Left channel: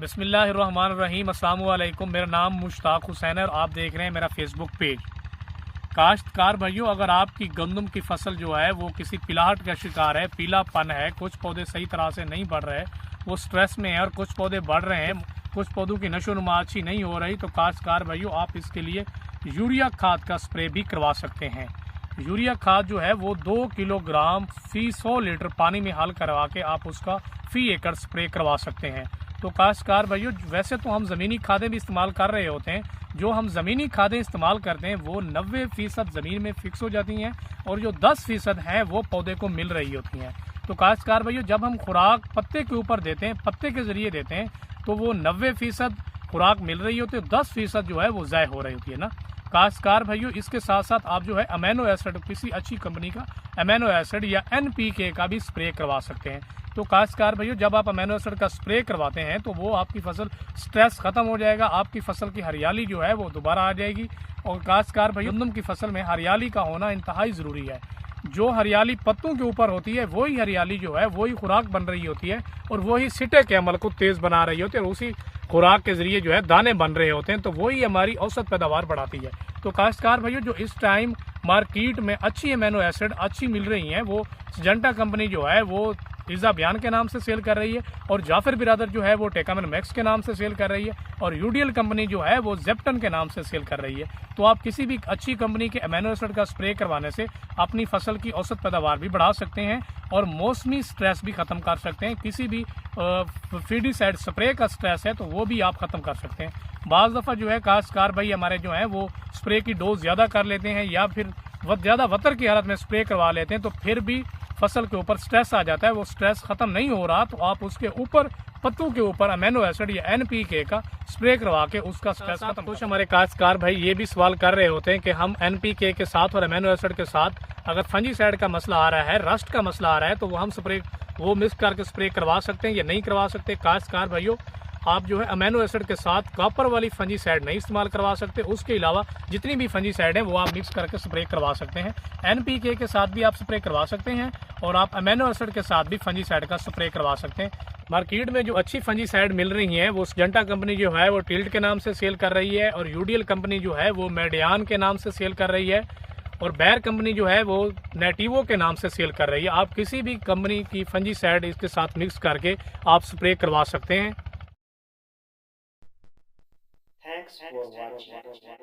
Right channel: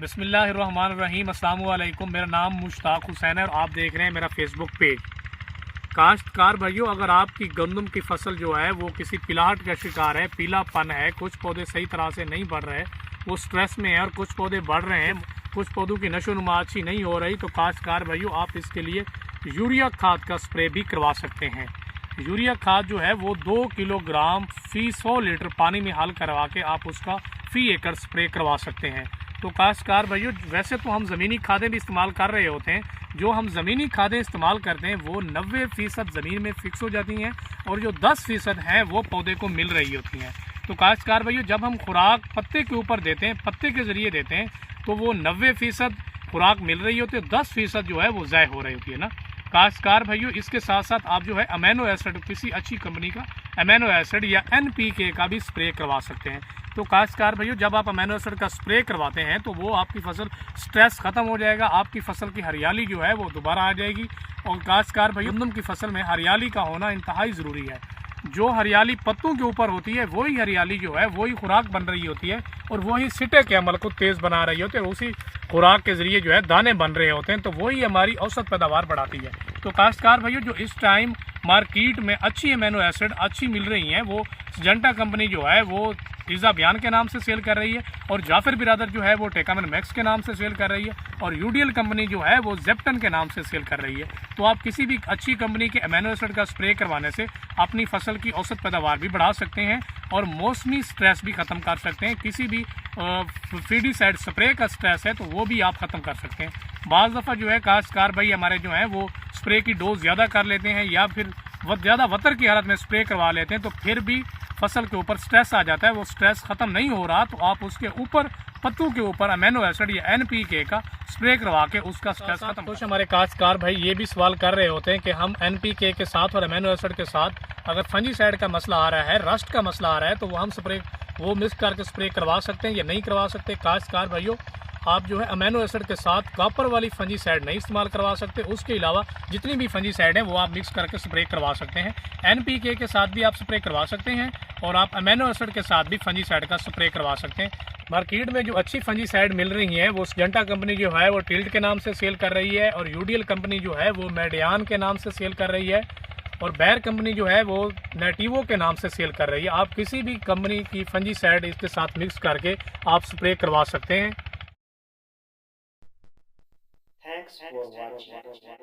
बिस्मिल्लाहिर्रहमानिर्रहीम। अस्सलाम वालेकुम। मेरा नाम मुश्ताक हुसैन है और आप देख रहे हैं मेरा फेसबुक पेज। काश्तकार भाइयों, अगर आपकी गंदम की फसल जो है वो किसी पिलाहट का शिकार है, पीलापन है, कुछ पौधे सही तरह से नहीं बढ़ रहे, वो स्ट्रेस में है और कुछ पौधे बढ़ रहे हैं, कुछ पौधों की नशोनुमा अच्छी नहीं हो रही, तो काश्तकार भाइयों आप इसके लिए यूरिया खाद का स्प्रे भी करवा सकते हैं। यूरिया खाद जो है वो 2 किलोग्राम फी 100 लीटर पानी में हल करवा के आप उसका फी एकड़ स्प्रे करवा सकते हैं। तो काश्तकार भाइयों, वैसे तो हम ज़मीनी खादें भी इस्तेमाल कर रहे होते हैं, जो हम ज़मीनी खादें इस्तेमाल करते हैं वो 90% ज़मीन में फिक्स हो जाती हैं और जो 10% हैं वो पौधे को मिल रही होती हैं। तो काश्तकार भाइयों, जब हम खुराक पत्ते के ऊपर देते हैं, पत्ते के ज़रिए देते हैं, तो वो 90% खुराक मिल रही होती है, 10% जो है वो ज़ाय हो रही होती है ना। काश्तकार भाइयों, इसके साथ साथ आप जो है अमीनो एसिड, किसी अच्छी कंपनी का अमीनो एसिड या NPK का भी स्प्रे करवा सकते हैं। तो काश्तकार भाइयों, जब आप अमीनो एसिड का स्प्रे करवाते हैं तो वो आपकी फसल स्ट्रेस ख़त्म हो जाएगा, आपकी फसल की हरियाली जो है वो दोबारा आ जाएगी। और काश्तकार भाइयों, गंदम की फसल में हरियाली का होना इंतहाई ज़रूरी है। जो हरियाली पत्तों के ऊपर होती है वही हरियाली जो है वही खुराक बन रही होती है और वही सिटे के अमल को तेज़ बना रही होती है और उसी खुराक के ज़रिए जो है दाने बन रहे होते हैं, तो वही हमारी औसत पैदावार बढ़ाती है। तो काश्तकार भाइयों, जो इस टाइम मार्केट में अच्छी अमीनो एसिड अच्छी मिल रही हैं, वो सिजेंटा कंपनी जो है वो पिज़्ज़ा बयान के नाम से सेल कर रही है और जाफर बिरादर जो है वो टेकामन मैक्स के नाम से सेल कर रही है और यूडियल कंपनी जो है वो जेप्टन के नाम से सेल कर रही है। तो आप किसी भी अच्छी कंपनी के अमीनो एसिड का स्प्रे करवाने से अपनी फसल की औसत पैदावार भी बढ़ा सकते हैं और मौसमी स्ट्रेस भी ख़त्म कर सकते हैं। किसी भी फीडीसाइड स्प्रे का स्ट्रेस है तो वो भी आप ख़त्म कर सकते हैं। बाज़ दफ़ा जो है काश्तकार भाई हमारे जो हैं वो स्प्रे की डोज ज़्यादा कर लेते हैं या फिर ज़्यादा वतर की हालत में स्प्रे करवा लेते हैं, तो फिर भी फसल के ऊपर स्ट्रेस आ जाता है, वो स्ट्रेस ख़त्म नहीं हो रहा, तो आप उसके ऊपर पत्तों के ऊपर अमीनो एसिड या NPK का स्प्रे करवा के उसका स्ट्रेस खत्म। कुछ हमारे काश्तकार भाई ये भी सवाल कर रहे होते हैं कि हम NPK के साथ और अमीनो एसिड के साथ अगर फंजीसाइड का मसला आ रहा है, रस्ट का मसला आ रहा है, तो वो हम स्प्रे वो मिक्स करके स्प्रे करवा सकते हैं या नहीं करवा सकते। काश्तकार भाइयों, आप जो है अमीनो एसिड के साथ कॉपर वाली फंजीसाइड नहीं इस्तेमाल करवा सकते, उसके अलावा जितनी भी फंजीसाइड है वो आप मिक्स करके स्प्रे करवा सकते हैं। NPK के साथ भी आप स्प्रे करवा सकते हैं और आप अमीनो एसिड के साथ भी फंजीसाइड का स्प्रे करवा सकते हैं। मार्केट में जो अच्छी फंजीसाइड मिल रही है वो सिजेंटा कंपनी जो है वो टिल्ट के नाम से सेल कर रही है और यूडियल कंपनी जो है वो मेडियान के नाम से सेल कर रही है और बैर कंपनी जो है वो नेटिवो के नाम से सेल कर रही है। आप किसी भी कंपनी की फंजीसाइड इसके साथ मिक्स करके आप स्प्रे करवा सकते हैं। Thanks for watching.